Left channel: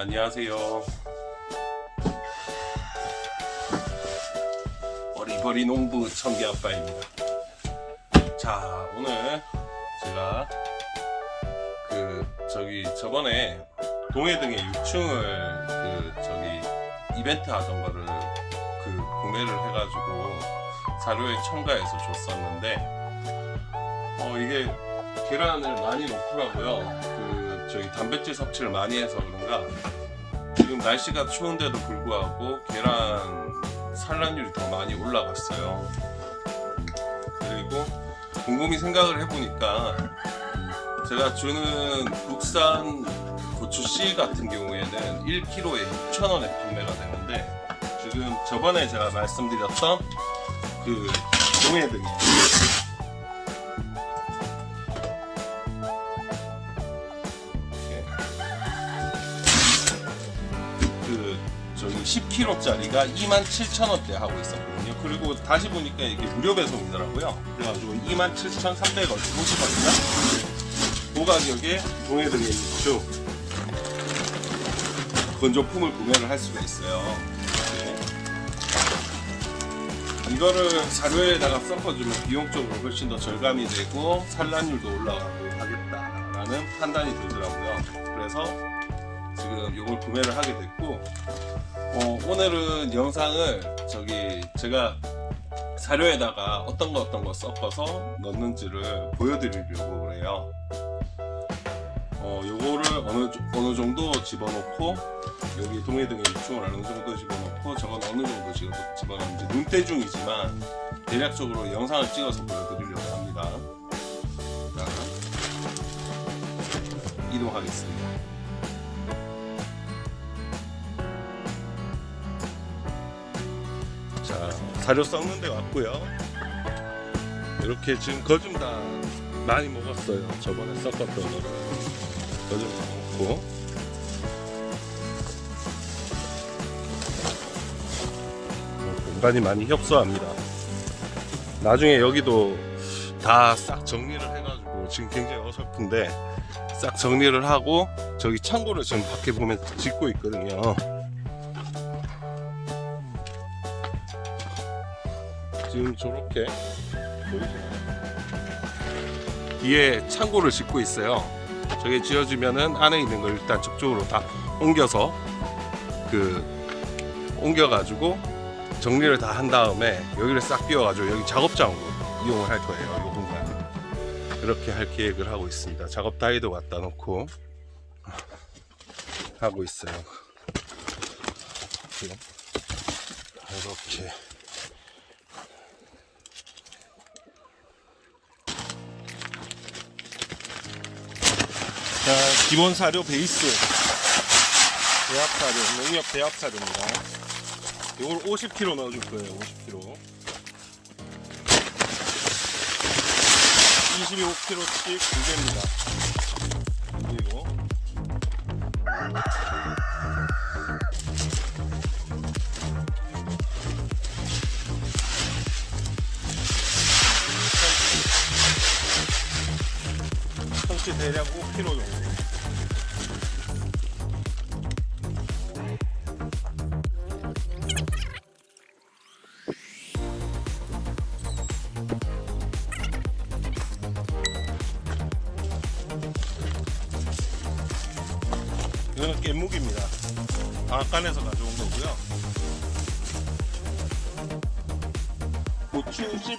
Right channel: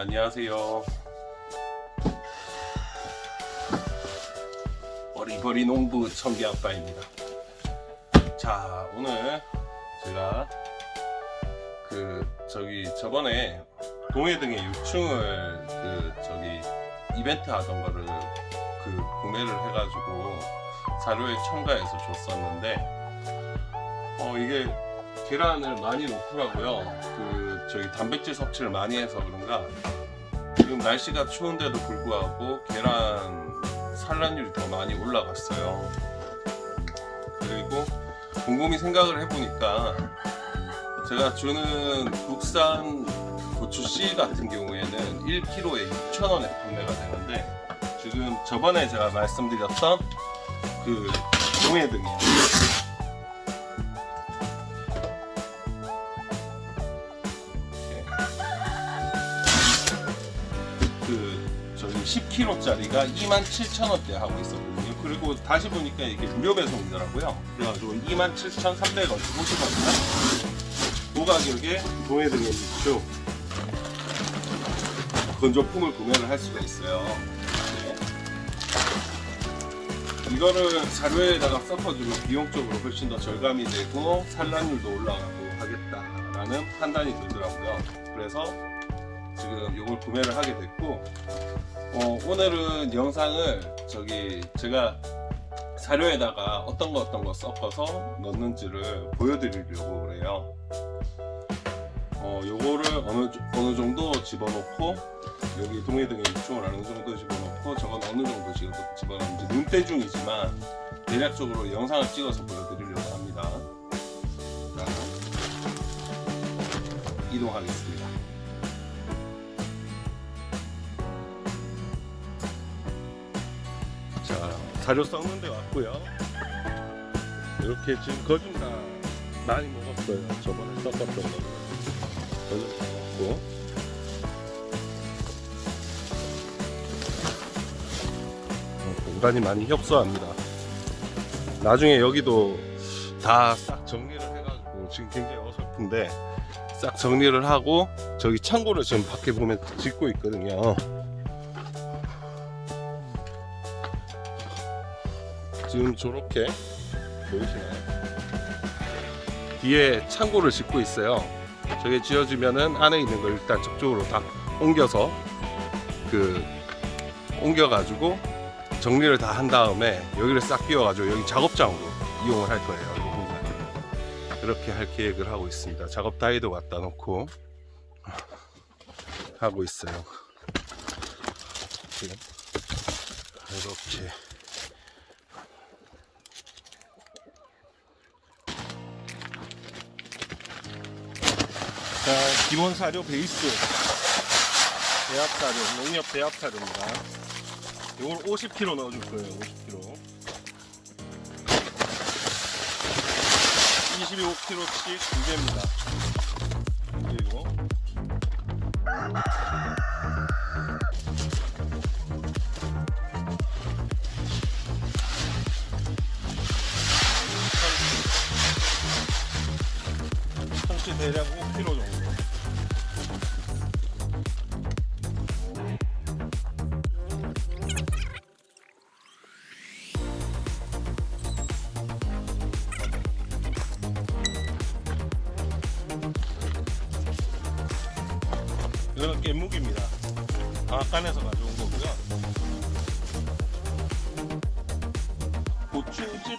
안녕하세요. 어리버리 농부 청기 아빠입니다. 자, 오늘 제가 그 저기 저번에 동해등의 6층을 그 저기 이벤트 하던 거를 그 구매를 해가지고 사료에 첨가해서 줬었는데 어 이게 계란을 많이 넣더라고요. 그 저기 단백질 섭취를 많이 해서 그런가 지금 날씨가 추운데도 불구하고 계란 산란율이 더 많이 올라갔어요. 그리고 곰곰이 생각을 해보니까 제가 주는 국산 고추 씨 같은 경우에는 1kg에 6,000원에 판매가 되는데 지금 저번에 제가 말씀드렸던 그 동해등이 그 저기 10kg짜리가 27,000원대 하고 있었거든요. 그리고 다시 보니까 이게 무료 배송이더라고요. 그래가지고 27,350원이나 그 가격에 동해등의 육수 건조품을 구매를 할 수가 있어요. 네. 이거를 사료에다가 섞어주면 비용적으로 훨씬 더 절감이 되고 산란율도 올라가고 하겠다라는 판단이 들더라고요. 그래서 지금 이걸 구매를 하게 됐고 어, 오늘은 영상을 저기 제가 사료에다가 어떤 거 어떤 거 섞어서 넣는지를 보여드리려고 해요. 어, 요거를 어느, 조- 어느 정도 집어넣고 여기 동해등의 육중을 어느 정도 집어넣고 저건 어느 정도 지금 집어넣는지 눈대중이지만 대략적으로 영상을 찍어서 보여드리려고 합니다. 자, 이동하겠습니다. 자, 사료 썩는 데 왔고요. 이렇게 지금 거좀 다 많이 먹었어요. 저번에 섞었던 거를 거좀 다 먹고. 어, 공간이 많이 협소합니다. 나중에 여기도 다 싹 정리를 해가지고 지금 굉장히 어설픈데 싹 정리를 하고 저기 창고를 지금 밖에 보면 짓고 있거든요. 지금 저렇게 보이시나요? 뒤에 창고를 짓고 있어요. 저게 지어지면은 안에 있는 걸 일단 저쪽으로 다 옮겨서 그 옮겨가지고 정리를 다 한 다음에 여기를 싹 비워가지고 여기 작업장으로 이용을 할 거예요. 이 공간. 그렇게 할 계획을 하고 있습니다. 작업 다이도 갖다 놓고 하고 있어요. 지금 이렇게. 자, 기본 사료 베이스 배합 사료, 농협 배합 사료입니다. 이걸 50kg 넣어줄 거예요. 50kg. 25kg씩 두 개입니다. 그리고 성치 대략 5kg 정도.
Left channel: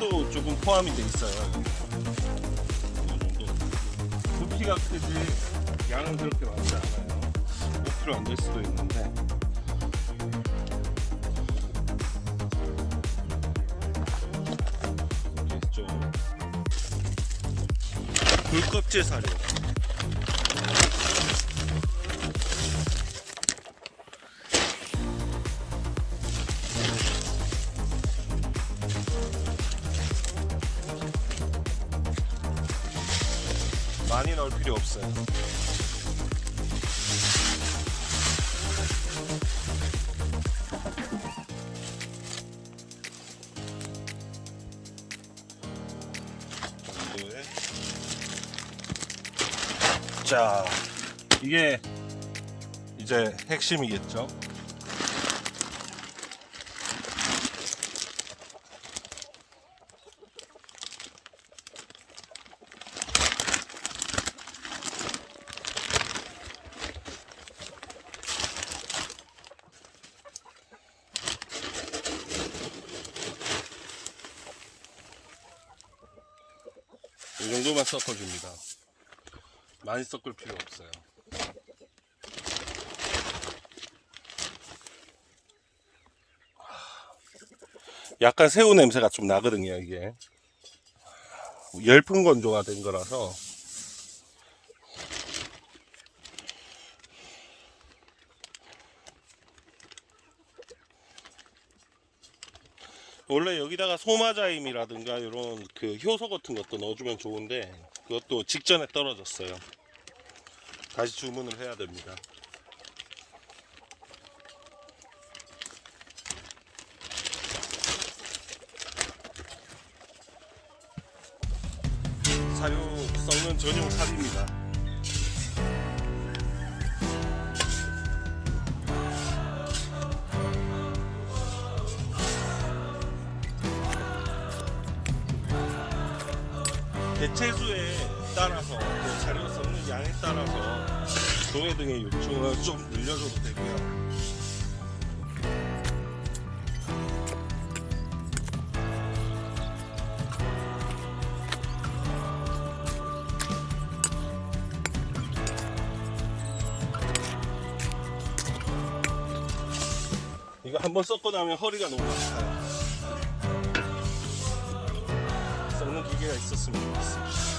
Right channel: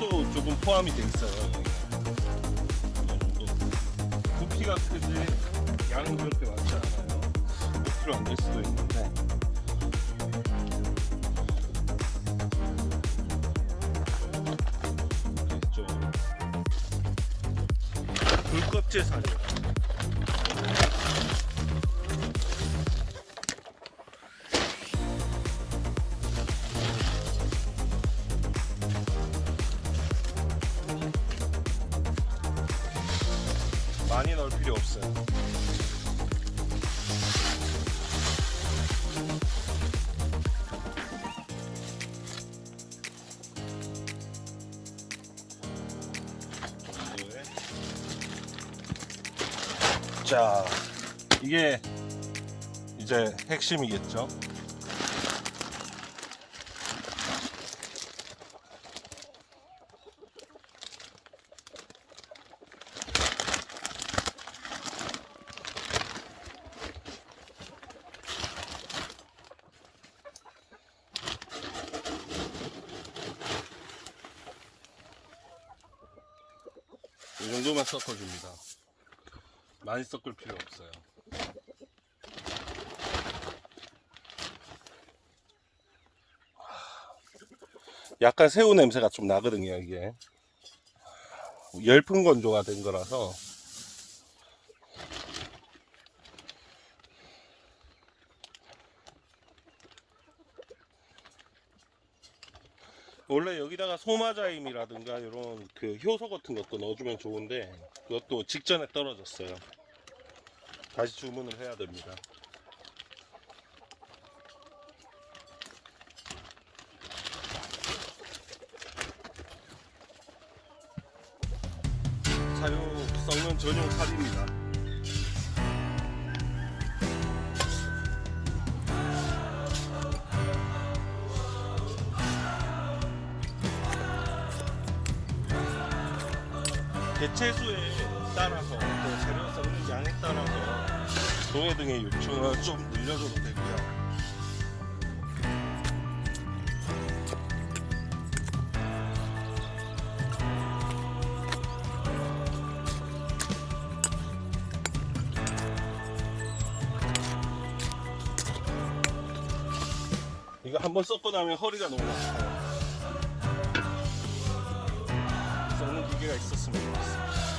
도 조금 포함이 돼 있어요. 부피가 크지 양은 그렇게 많지 않아요. 5kg 안될 수도 있는데. 됐죠. 불껍질 사료. 많이 넣을 필요 없어요. 자, 이게 이제 핵심이겠죠. 이 정도만 섞어줍니다. 많이 섞을 필요 없어요. 약간 새우 냄새가 좀 나거든요, 이게. 열풍 건조가 된 거라서. 원래 여기다가 소마자임이라든가 이런 그 효소 같은 것도 넣어주면 좋은데 그것도 직전에 떨어졌어요. 다시 주문을 해야 됩니다. 사료 썩는 전용 삽입니다. 대체수에 따라서 그 사료 썩는 양에 따라서 동해 등의 유충을 좀 늘려줘도 되고요. 이거 한번 섞고 나면 허리가 너무 아파요. 썩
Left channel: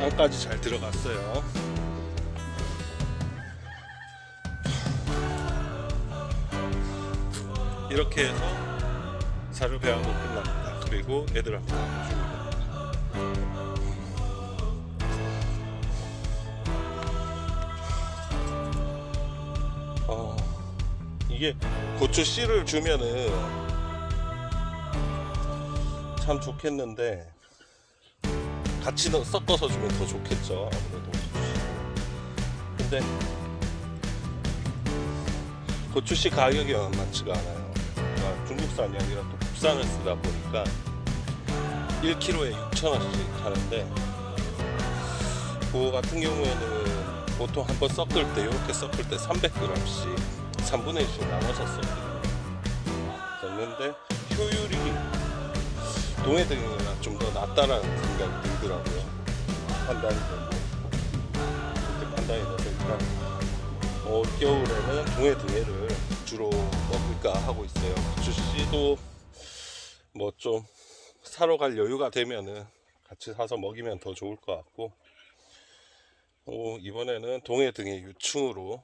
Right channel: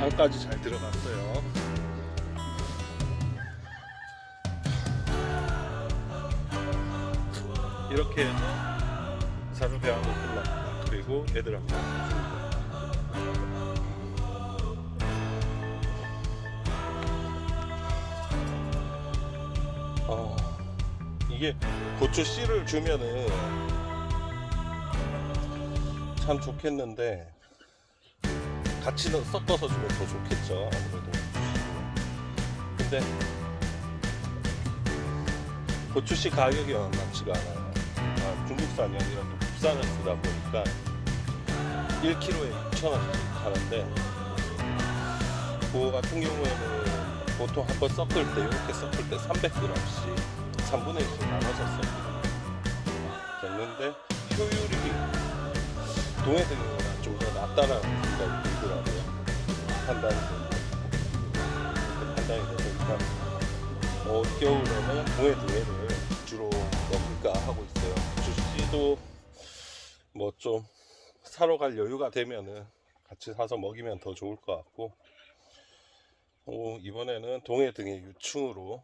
안까지 잘 들어갔어요. 이렇게 해서 사료 배양도 끝납니다. 그리고 줍니다. 어, 이게 고추 씨를 주면은 참 좋겠는데 같이 넣- 섞어서 주면 더 좋겠죠 아무래도. 근데 고추씨 가격이 만만치가 않아요. 아, 중국산이 아니라 또 국산을 쓰다 보니까 1kg에 6,000원씩 하는데 그거 같은 경우에는 보통 한 번 섞을 때 이렇게 섞을 때 300g씩 3분의 1씩 나눠서 씁니다 됐는데 효율이 동해등이나 좀 더 낫다라는 생각이 들더라고요. 판단이 되고. 판단이 되니까 어, 겨울에는 동해등해를 주로 먹을까 하고 있어요. 주씨도 뭐 좀 사러 갈 여유가 되면은 같이 사서 먹이면 더 좋을 것 같고 어, 이번에는 동해 등의 유충으로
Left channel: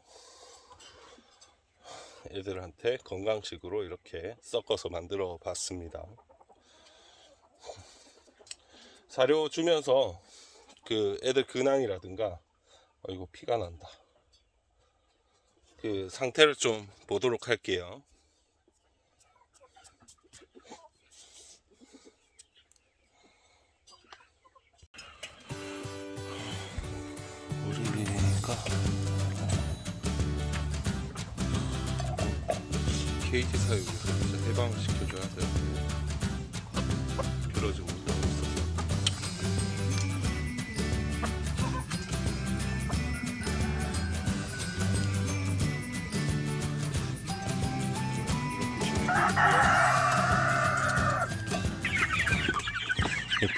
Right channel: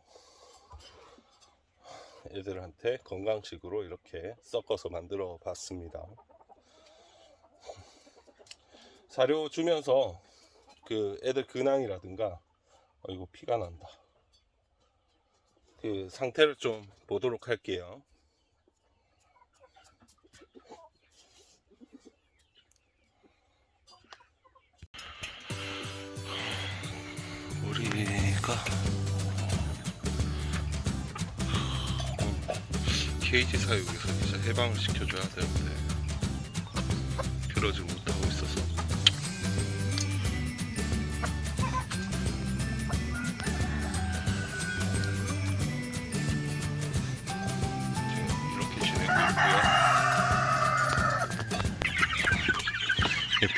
애들한테 건강식으로 이렇게 섞어서 만들어 봤습니다. 사료 주면서 그 애들 근황이라든가 어, 이거 피가 난다. 그 상태를 좀 보도록 할게요. 우리가 케이지 사육에서 진짜 해방을 시켜줘야 되는데 그러지 못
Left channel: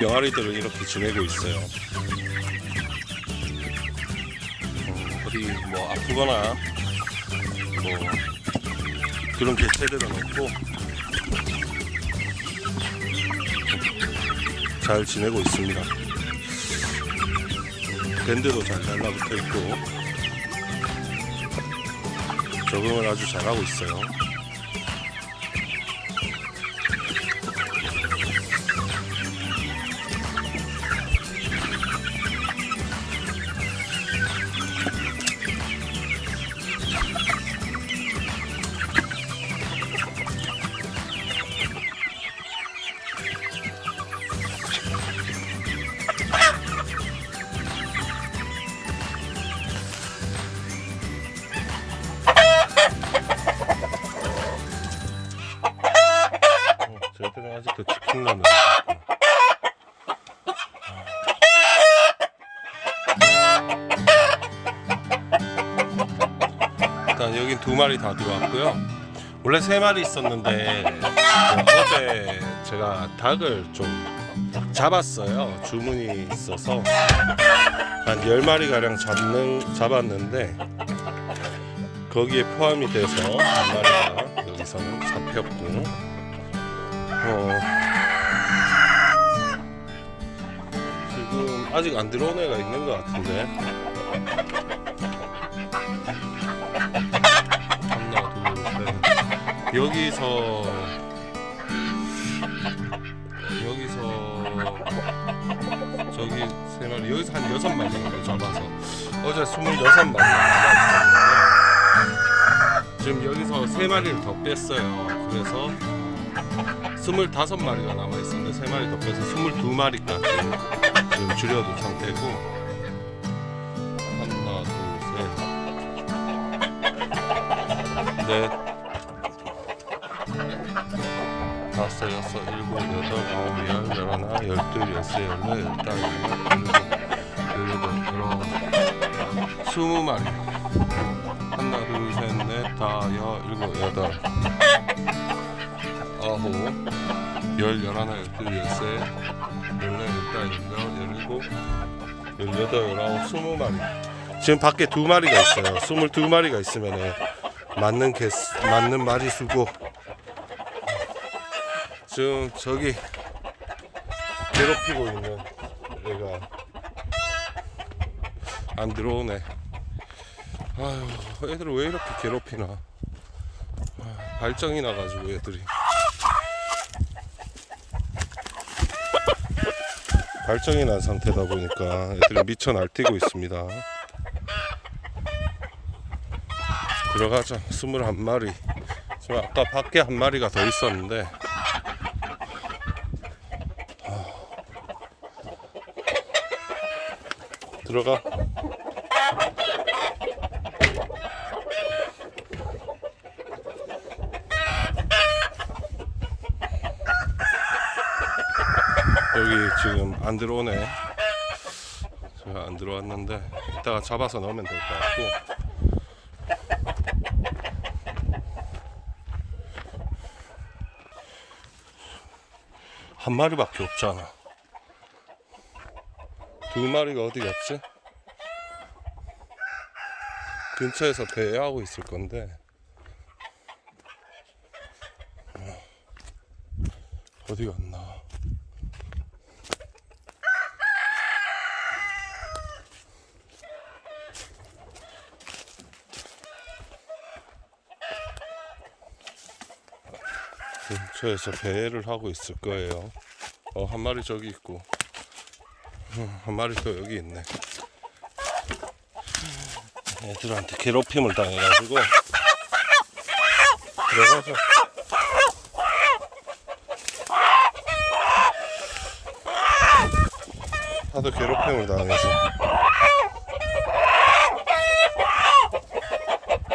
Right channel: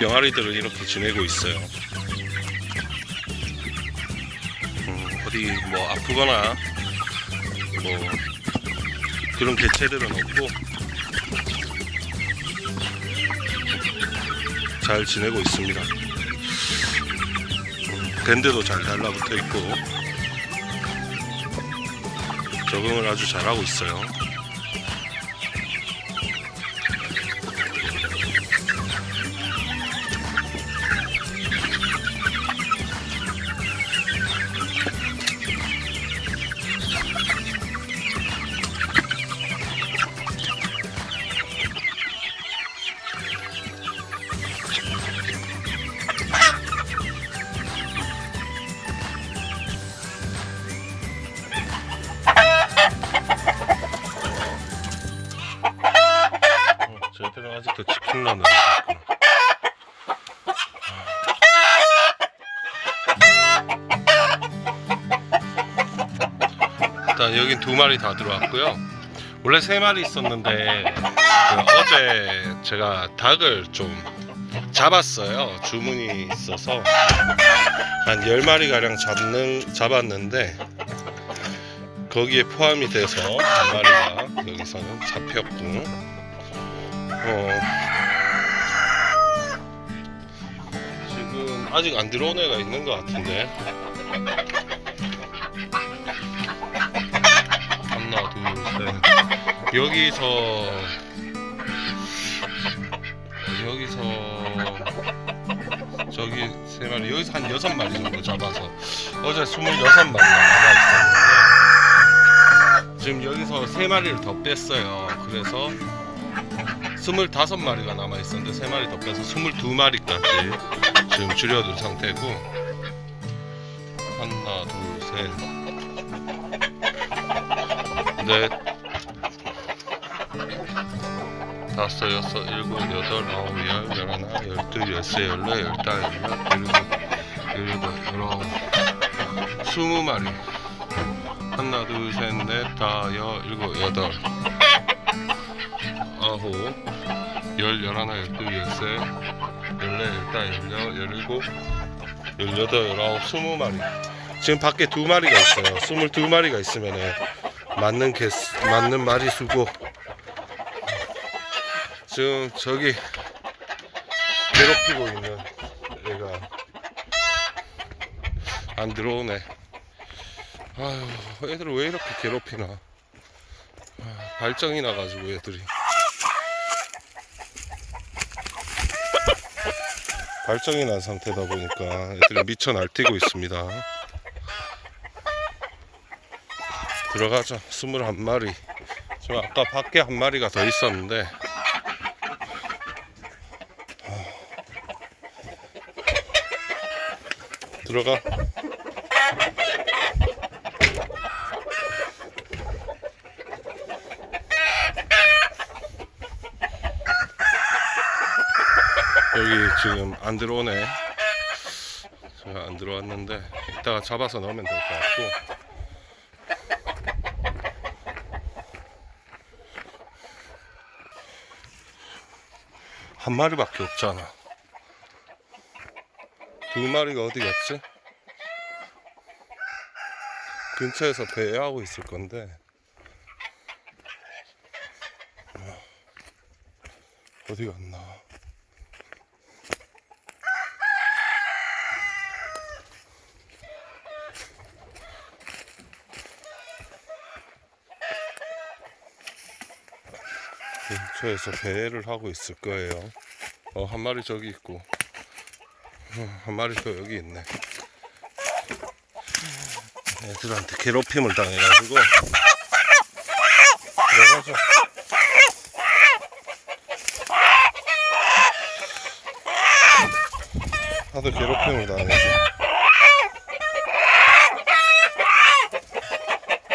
병아리들은 이렇게 지내고 있어요. 음, 어디 뭐 아프거나 뭐 그런 개체들은 없고 잘 지내고 있습니다. 음, 밴드도 잘 달라붙어 있고 적응을 아주 잘하고 있어요. 두 마리 다 들어왔고요. 원래 세 마리 있었는데 그 어제 제가 닭을 좀 잡았어요. 주문이 있어서 한 10마리 가량 잡는 잡았는데 거기에 포함이 돼서 한 마리가 여기서는 잡혔고 어 지금 아직 안 들어온 애가 있는 것 같은데 여기서 여기서 저기 세 마리 여기서 한 여섯 마리 정도 잡아서 어제 스물여섯 마리가 남아 있었는데 지금 여기서 세 마리를 더 뺐어요. 그래서 스물다섯 마리가 남아 있었는데 세 마리 더 빼서 스물두 마리까지 지금 줄여둔 상태고 하나 둘셋넷 다섯 여섯 일곱 여덟 아홉 열 열하나 열둘 열세 열네 열다 열여 일곱 열여덟 열아홉 스무 마리. 하나 둘 셋 넷 다 여 일곱 여덟 아홉 열 열하나 열둘 열세 열네 열다 열여 열일곱 열여덟 열아홉 스무 마리. 지금 밖에 두 마리가 있어요. 스물두 마리가 있으면은 맞는 개 맞는 마리 수고 지금 저기 괴롭히고 있는 애가 안 들어오네. 아휴 애들 왜 이렇게 괴롭히나? 아, 발정이 나가지고 애들이. 발정이 난 상태다 보니까 애들이 미쳐 날뛰고 있습니다. 들어가자. 21마리. 저 아까 밖에 한 마리가 더 있었는데 들어가 여기 지금 안 들어오네. 제가 안 들어왔는데 이따가 잡아서 넣으면 될 것 같고. 한 마리밖에 없잖아. 두 마리가 어디 갔지? 근처에서 배회하고 있을 건데. 아, 어디 갔나? 근처에서 배회를 하고 있을 거예요. 어, 한 마리 저기 있고, 어, 한 마리 또 여기 있네. 애들한테 괴롭힘을 당해가지고, 들어가서. 다들 괴롭힘을 당해서.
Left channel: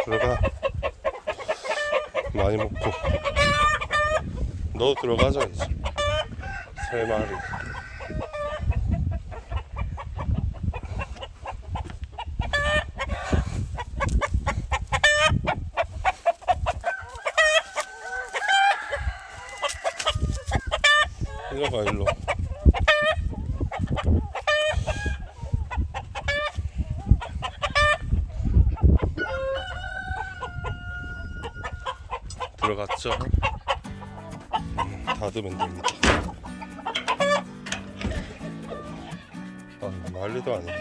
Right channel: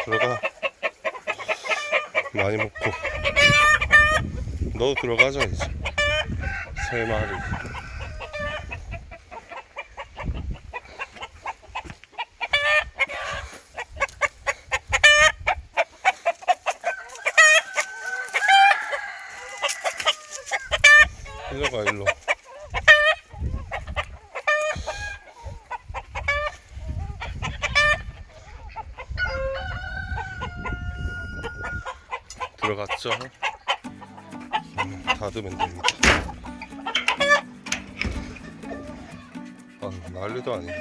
들어가. 많이 먹고. 너 들어가자 이제 세 마리 일로 가 일로 들어갔죠? 닫으면 됩니다. 아, 난리도 아니네.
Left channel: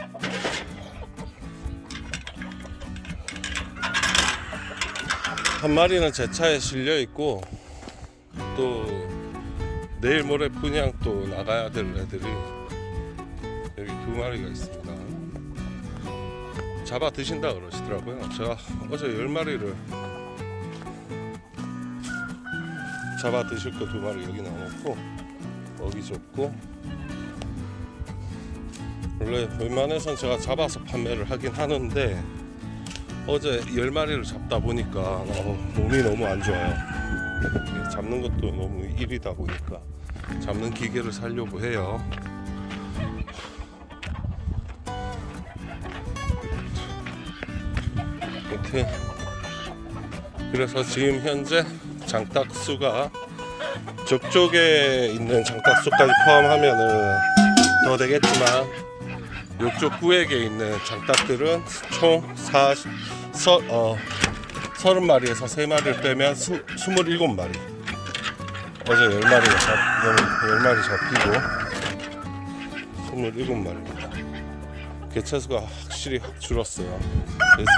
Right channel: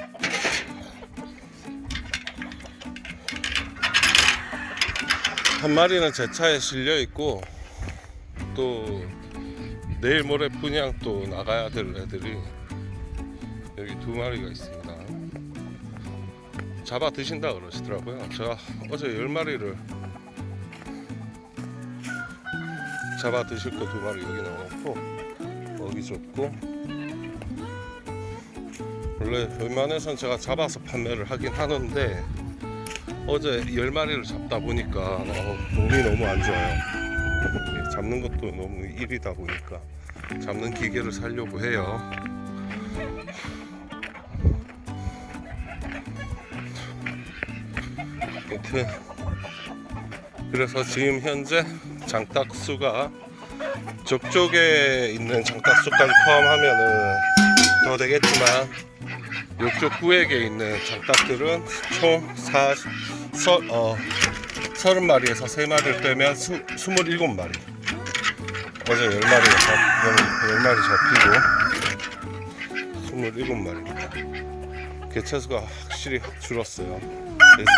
한 마리는 제 차에 실려 있고 또 내일 모레 분양 또 나가야 될 애들이 여기 두 마리가 있습니다. 잡아 드신다 그러시더라고요. 제가 어제 열 마리를 잡아 드실 거 두 마리 여기 넣어놓고 먹이 줬고 원래 웬만해선 제가 잡아서 판매를 하긴 하는데 어제 열 마리를 잡다 보니까 어, 몸이 너무 안 좋아요. 잡는 것도 너무 일이다 보니까 잡는 기계를 살려고 해요. 그래서 지금 현재 장딱수가 저쪽에 있는 장딱수까지 포함하면은 더 되겠지만 이쪽 구획에 있는 장딱들은 총 40, 서, 어, 30마리에서 3마리를 빼면 수, 27마리. 어제 10마리가 잡, 10마리 잡히고 27마리입니다. 개체수가 확실히 확 줄었어요.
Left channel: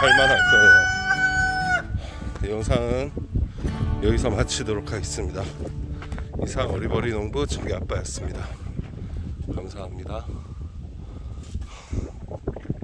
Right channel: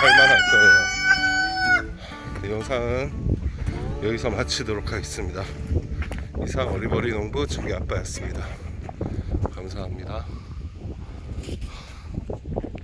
살만할 거예요. 이 영상은 여기서 마치도록 하겠습니다. 이상 어리버리 농부 중기 아빠였습니다. 감사합니다